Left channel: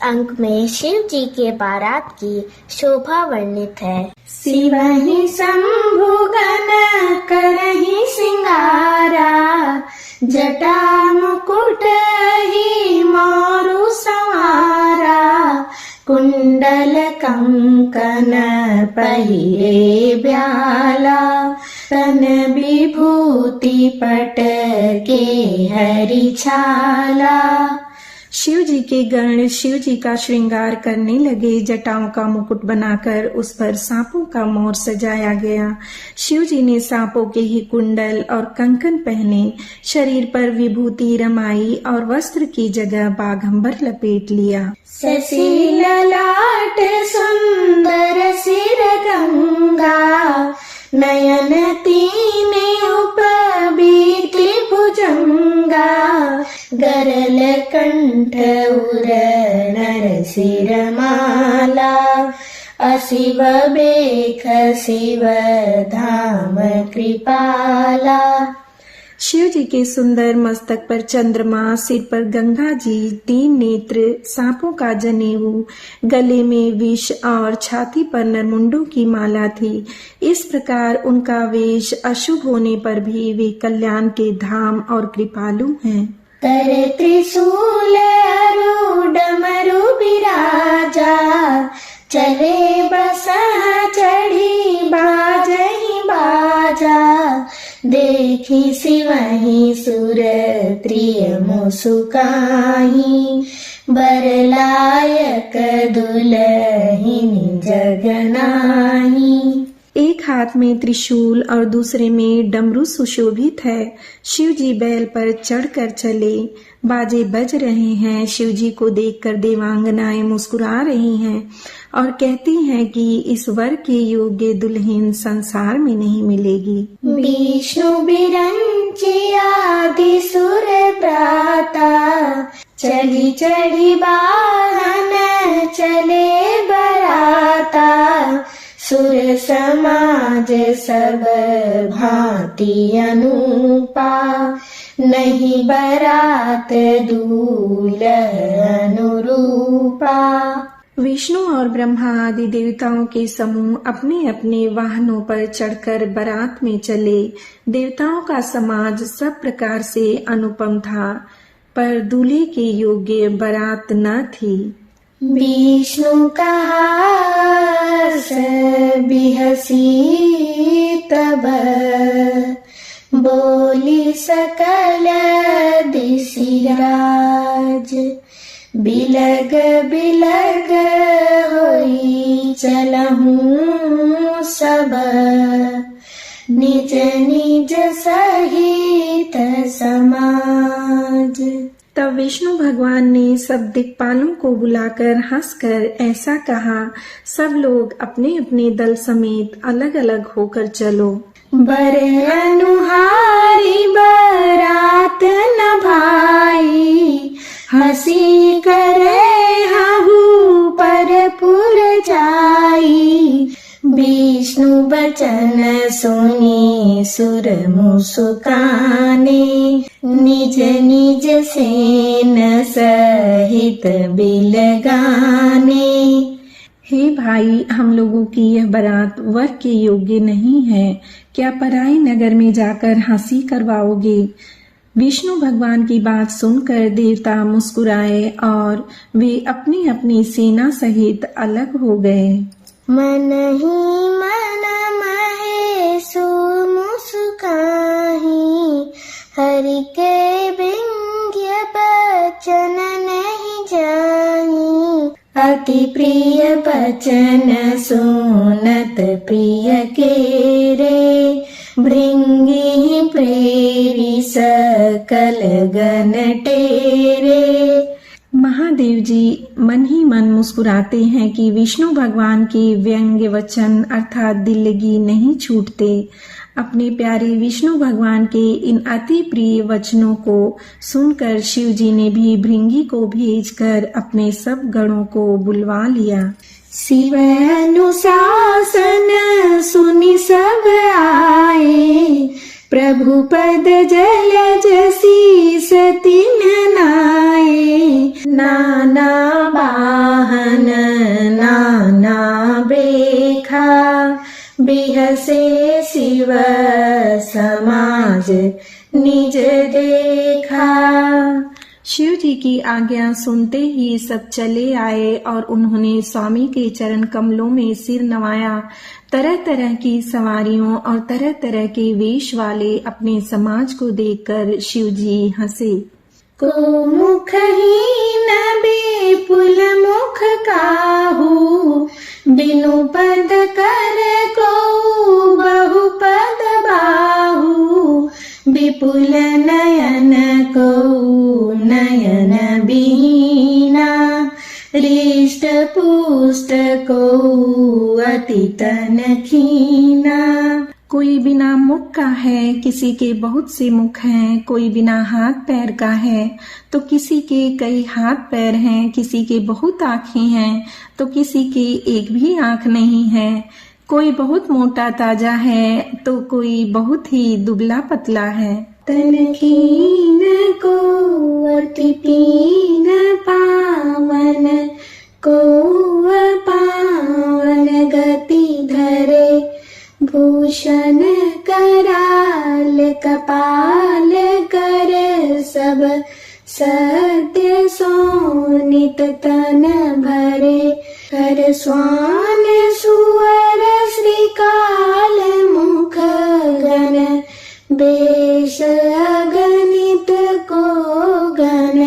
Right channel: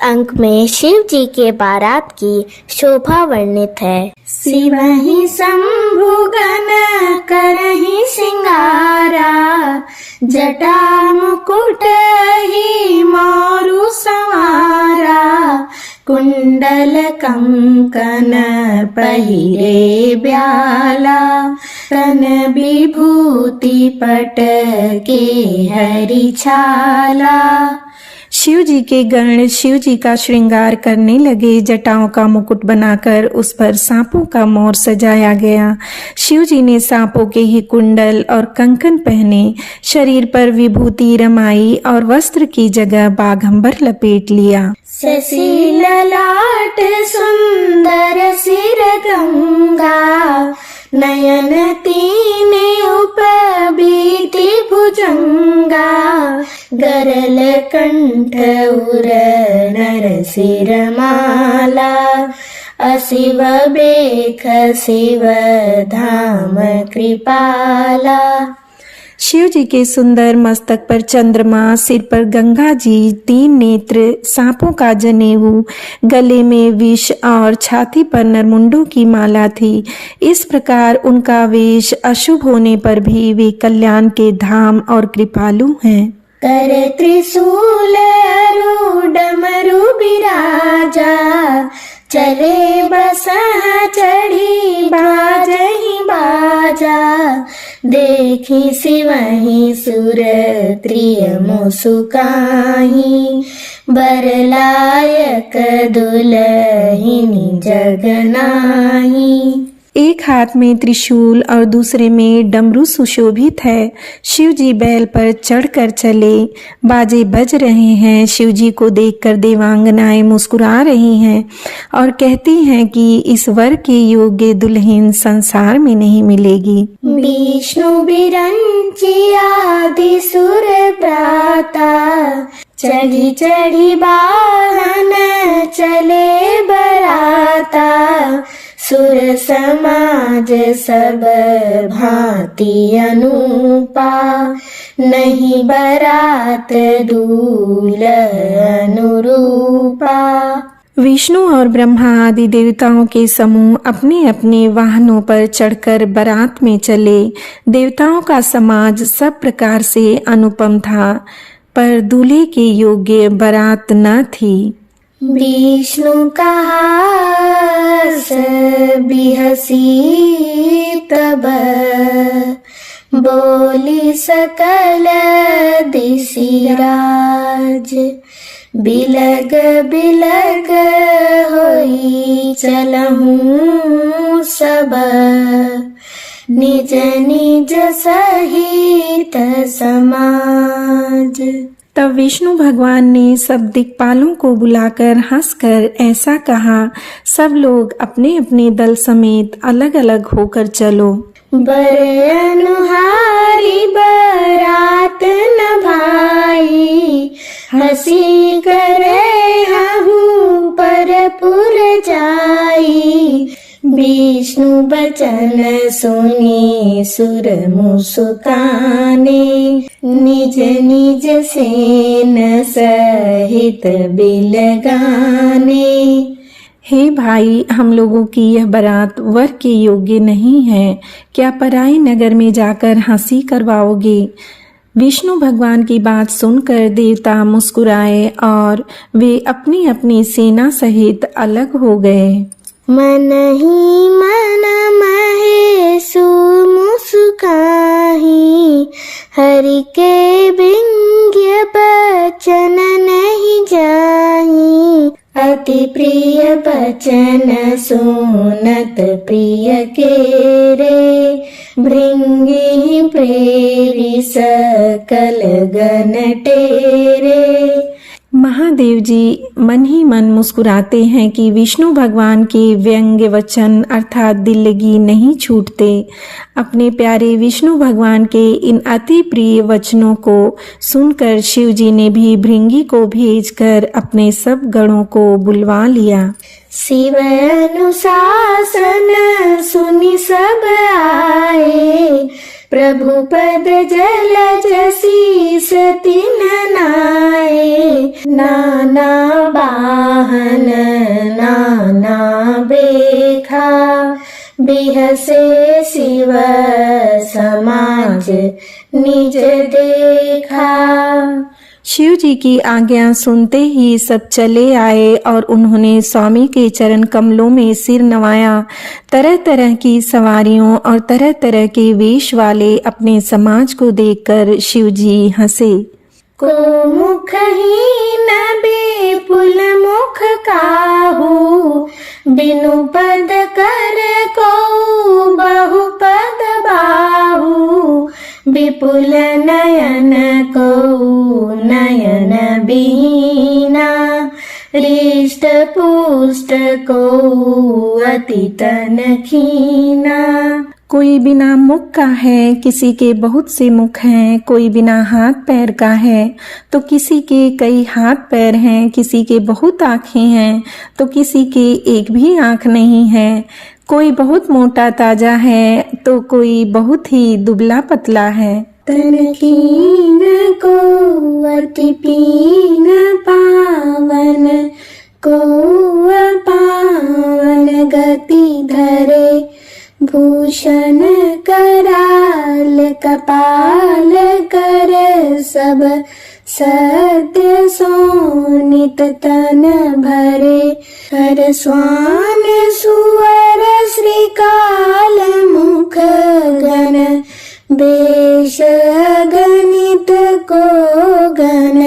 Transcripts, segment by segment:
अंक में शिव जी के बारात की शोभा वर्णित है। शिवहि शंभु गण करहि सिंगारा, जटा मुकुट ही मोरु संवारा, कुंडल कंकन पहिरे ब्याला, तन विभूति पट के हरि छाला। शिव जी के गण शिव जी का श्रृंगार करने लगे। जटाओं का मुकुट बनाकर उस पर सांपों का मोर सजाया गया। शिव जी ने सांपों के ही कुंडल और कंकन पहने, शरीर पर विभूति रमाई और वस्त्र की जगह बाघंबर लपेट लिया। शशि ललाट सुंदर सिर गंगा, नयन तीने उपबीति भुजंगा, गरल कंठ उर नर सिर माला, अशिव बेख शिव धाम कृपाला। शिव जी के सुंदर मस्तक पर चंद्रमा, सिर पर गंगा जी, 3 नेत्र, सांपों का जनेऊ, गले में विष और छाती पर नरमुंडों की माला थी। इस प्रकार उनका वेश अशुभ होने पर भी वे कल्याण के धाम और कृपालु हैं। कर त्रिशूल डमरू बिराजा, चले बसा चढ़ी बाजहि बाजा, देखी शिवहि सुर त्रिय मुसुकाहि, बरलायक दुलहिनी जगनाहि। एक हाथ में त्रिशूल और दूसरे में डमरू सुशोभित है। शिव जी बैल पर चढ़कर चले, बाजे बज रहे हैं। शिव जी को देखकर देवांगनाएं मुस्कुरा रही हैं और कहती हैं कि इस वर के योग्य दुल्हन संसार में नहीं मिलेगी। विष्णु बिरंची आदि सुर प्राता, चढ़ी चढ़ी वाहन चले बराता, सुर समाज सब भांति अनूपा, नहीं बरात दूल्ह अनुरूपा। विष्णु और ब्रह्मा आदि देवताओं के समूह अपने अपने वाहनों पर चढ़कर बारात में चले। देवताओं का समाज सब प्रकार से अनुपम था, पर दूल्हे के योग्य बारात न थी। विष्णु का हास बिहसी तब, बोली सकल दिशिराज, बिलग बिलग होई चलहूँ सब, निज निज सहित समाज। तब विष्णु भगवान ने सब दिक्पालों को बुलाकर हंसकर ऐसा कहा, सब लोग अपने अपने दल समेत अलग अलग होकर चलो। बर अनुहारी बरात न भाई, हंसी करे हहु पर पुर जाई, विष्णु बचन सुनी सुर मुस्काने, निज निज सेन सहित बिलगाने। हे भाई, हम लोगों की यह बारात वर के योग्य नहीं है, क्या पराई नगर में जाकर हंसी करवाओगे? विष्णु भगवान की बात सुनकर देवता मुस्कुराए और वे अपनी अपनी सेना सहित अलग हो गए। मन ही मन महेशु मुस्काहि, हरि के व्यंग्य बचन नहीं जाहि, अति प्रिय बचन सुनत प्रिय के रे, भृंगी प्रेरि सकल गण टेरे। महादेव जी मन ही मन मुस्कुराते हैं कि विष्णु भगवान के व्यंग्य वचन अर्थात दिल लगी नहीं छूटते। अपने प्यारे विष्णु भगवान के इन अति प्रिय वचनों को सुनकर शिव जी ने भी भृंगी को भेजकर अपने सब गणों को बुलवा लिया। शिव अनुशासन सुनि सब आए, प्रभु पद जलज शीस तिन्ह नाए, नाना बा देखा, बिहसे शिव समाज निज देखा। शिव जी की आज्ञा सुनते ही सब चले आए और उन्होंने स्वामी के चरण कमलों में सिर नवाया। तरह तरह की सवारियों और तरह तरह के वेश वाले अपने समाज को देखकर शिव जी हंसे। को मुखहीन विपुल मुख काहू, बिनु पद कर को बहुपद बाहू, विपुल नयन को नयन बीना, हृष्ट पुष्ट को अति तन खीना। कोई बिना मुख का है, किसी के बहुत से मुख हैं। कोई बिना हाथ पैर का है तो किसी के कई हाथ पैर हैं। किसी के बहुत आँखें हैं तो किसी के एक भी आँख नहीं है। कोई बहुत मोटा ताजा है तो कोई बहुत ही दुबला पतला है। तन कीन को अति पीन पावन, को पावन गति धरे, भूषण कराल कपाल कर सब, सत्य सोनित तन भरे। हर स्वान सुअर श्रीकाल मुख गण, बेश गणित को गण,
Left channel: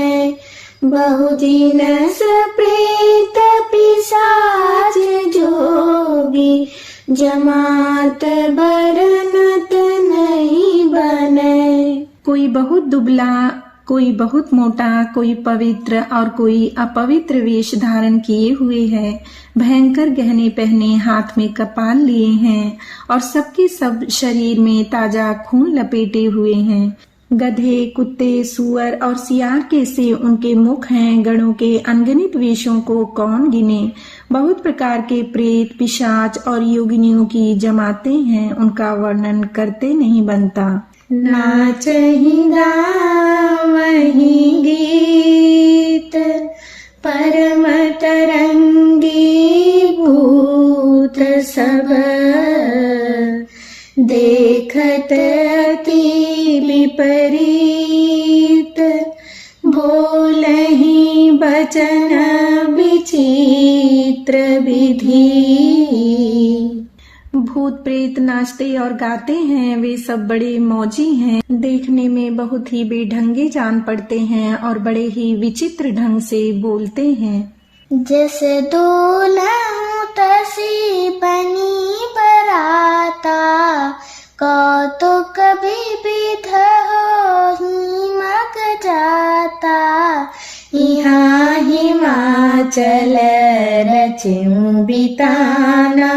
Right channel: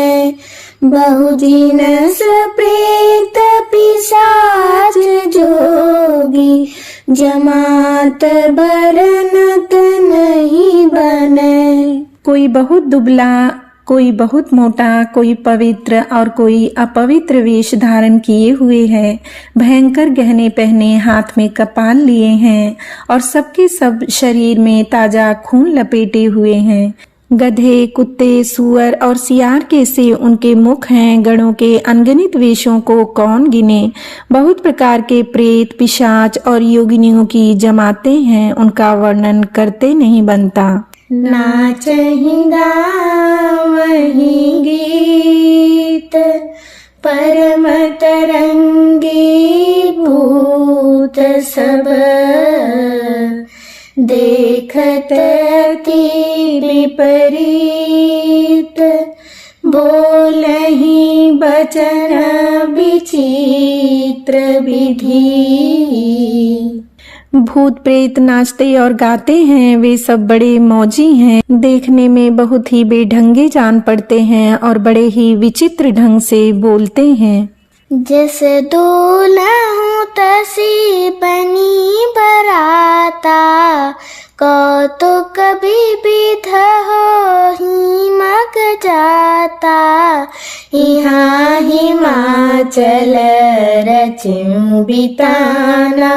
बहुजिनस प्रेत पिशाच जोगी, जमात बरनत नहीं बने। कोई बहुत दुबला, कोई बहुत मोटा, कोई पवित्र और कोई अपवित्र वेश धारण किए हुए है। भयंकर गहने पहने, हाथ में कपाल लिए हैं और सबके सब शरीर में ताजा खून लपेटे हुए हैं। गधे, कुत्ते, सुअर और सियार के से उनके मुख हैं। गणों के अनगिनत वेशों को कौन गिने। बहुत प्रकार के प्रेत, पिशाच और योगिनियों की जमातें हैं, उनका वर्णन करते नहीं बनता। नाचहि गावहि गीत, परम तरंगी भूत सब, देखत अति विपरीत, बोलहि बचन विचित्र विधि। भूत प्रेत नाचते और गाते हैं, वे सब बड़े मौजी हैं। देखने में बहुत ही बेढंगे जान पड़ते हैं और बड़े ही विचित्र ढंग से बोलते हैं। जस डोलहूँ तसी बनी बराता, कौतुक विविध होहि मग जाता। यहाँ हिमाचल रचूं बिताना,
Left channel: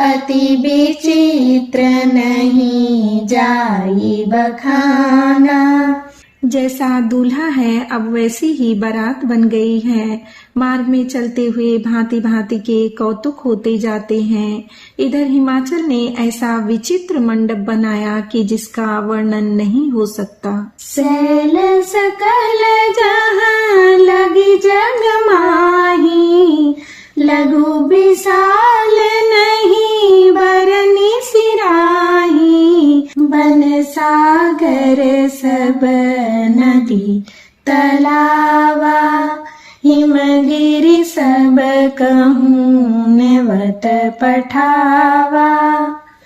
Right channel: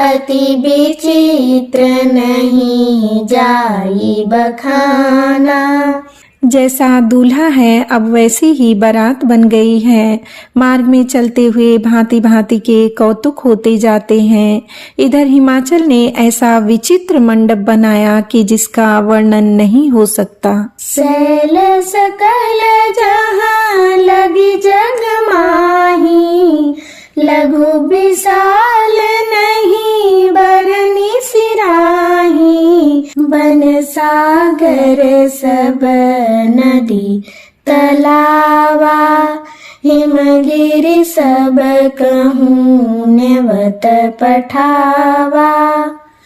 अति विचित्र नहीं जाई बखाना। जैसा दूल्हा है अब वैसी ही बारात बन गई है। मार्ग में चलते हुए भांति भांति के कौतुक होते जाते हैं। इधर हिमाचल ने ऐसा विचित्र मंडप बनाया कि जिसका वर्णन नहीं हो सकता। सैल सकल जहाँ लगी जग माही, लघु विशाल नहीं बरनी सिराही। बन सागर सब नदी तलावा, हिमगिरि सब कहूँ नेवत पठावा।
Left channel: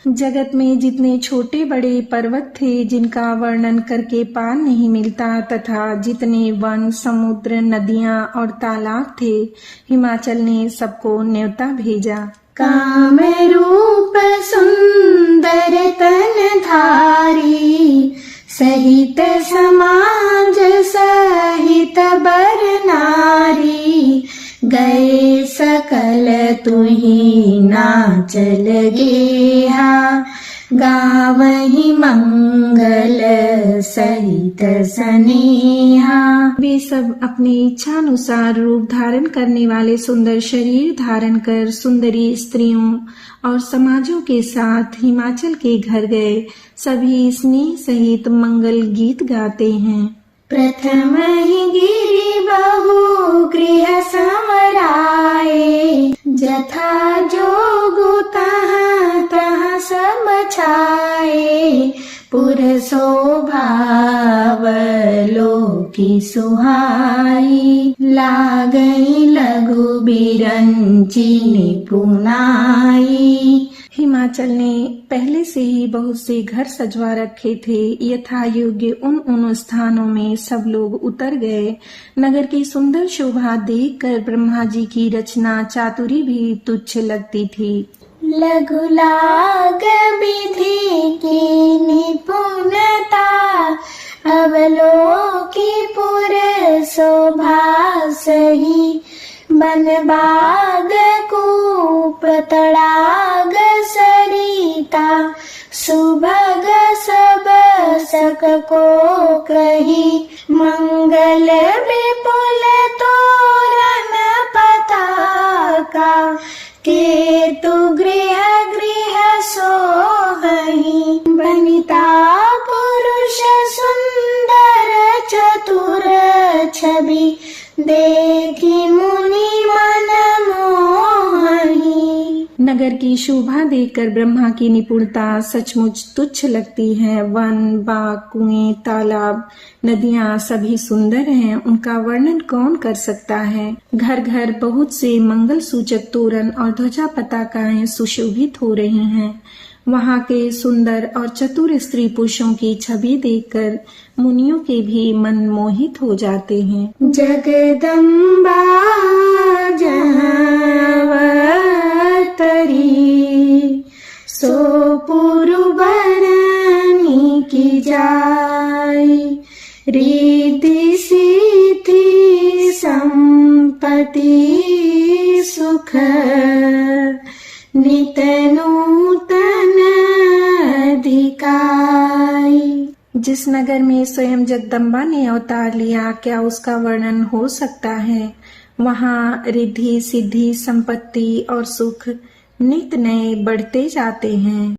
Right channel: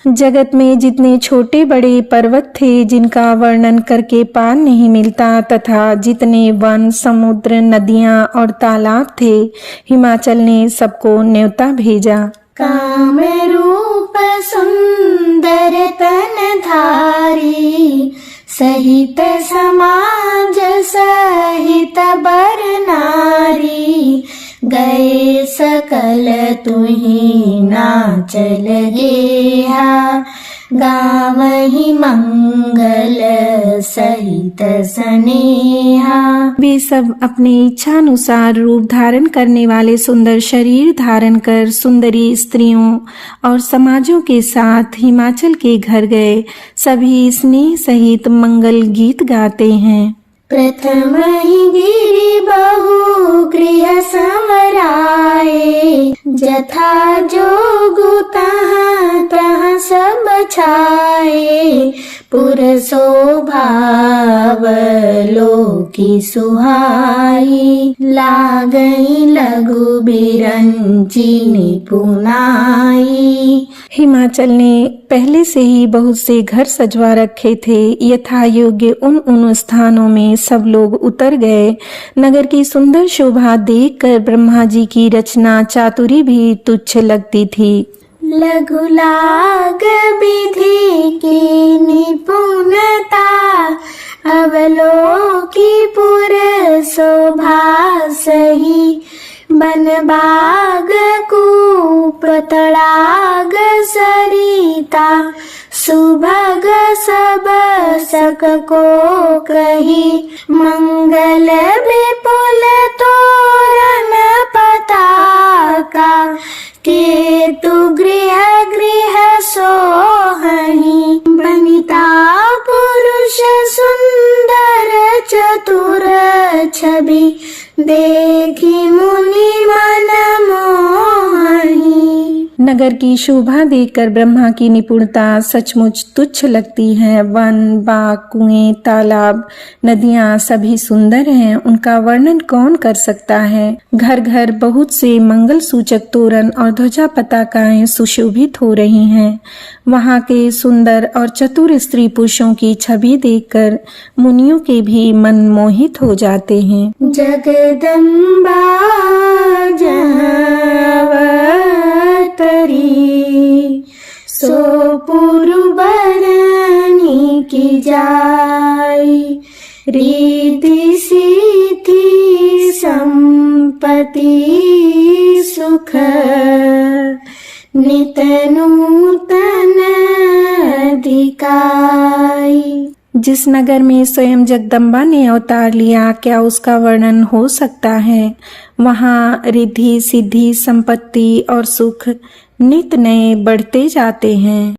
जगत में जितने छोटे बड़े पर्वत थे जिनका वर्णन करके पार नहीं मिलता, तथा जितने वन, समुद्र, नदियां और तालाब थे, हिमाचल ने सबको न्योता भेजा। काम रूप सुंदर तन धारी, सहित समाज सहित बर नारी। गए सकल तुही नाचल गेहा, गावहि मंगल सहित स्नेहा। वे सब अपने इच्छानुसार रूप धारण करने वाले सुंदर शरीर धारण कर सुंदरी स्त्रियों और समाजों के साथ हिमाचल के घर गए। सभी स्नेह सहित मंगल गीत गाते हैं। प्रथम ही गिरि बहु गृह समराए, जथा जोगु की सुहाई, लागई लघु बिरंची निपुनाई। हिमाचल ने पहले से ही बहुत से घर सजवा रखे थे। यथा योग्य उन स्थानों में सब लोग उतर गए। नगर की सुंदर शोभा देखकर ब्रह्मा जी की रचना चातुरी भी तुच्छ लगती थी। लघु लाग विधि की निपुणता, अवलोकी पुर शोभा सही। बन बाग कूप तड़ाग सरिता, सुभग सब सक को कही। मंगल विपुल तोरण पताका, केतु गृह गृह सोहही। बनिता पुरुष सुंदर चतुर छवि, देखी मुनि मन मोहही। नगर की शोभा देखकर ब्रह्मा की निपुणता सचमुच तुच्छ लगती है। वन, बाग, कुएं, तालाब, नदियां सभी सुंदर हैं। उनका वर्णन कौन कर सकता है। घर घर बहुत से मंगल सूचक तोरण और ध्वजा पताकाएं सुशोभित हो रही हैं। वहाँ के सुंदर और चतुर स्त्री पुरुषों की छवि देखकर मुनियों के भी मन मोहित हो जाते हैं। जगदम्बा जहाँ अवतरी, सो पुरु बरनी की जाई। रिद्धि सिद्धि संपत्ति सुख, नित नूतन अधिकाई। जिस नगर में स्वयं जगदम्बा ने अवतार लिया, क्या उसका वर्णन हो सकता है। वहाँ रिद्धि सिद्धि संपत्ति और सुख नित नए बढ़ते जाते हैं।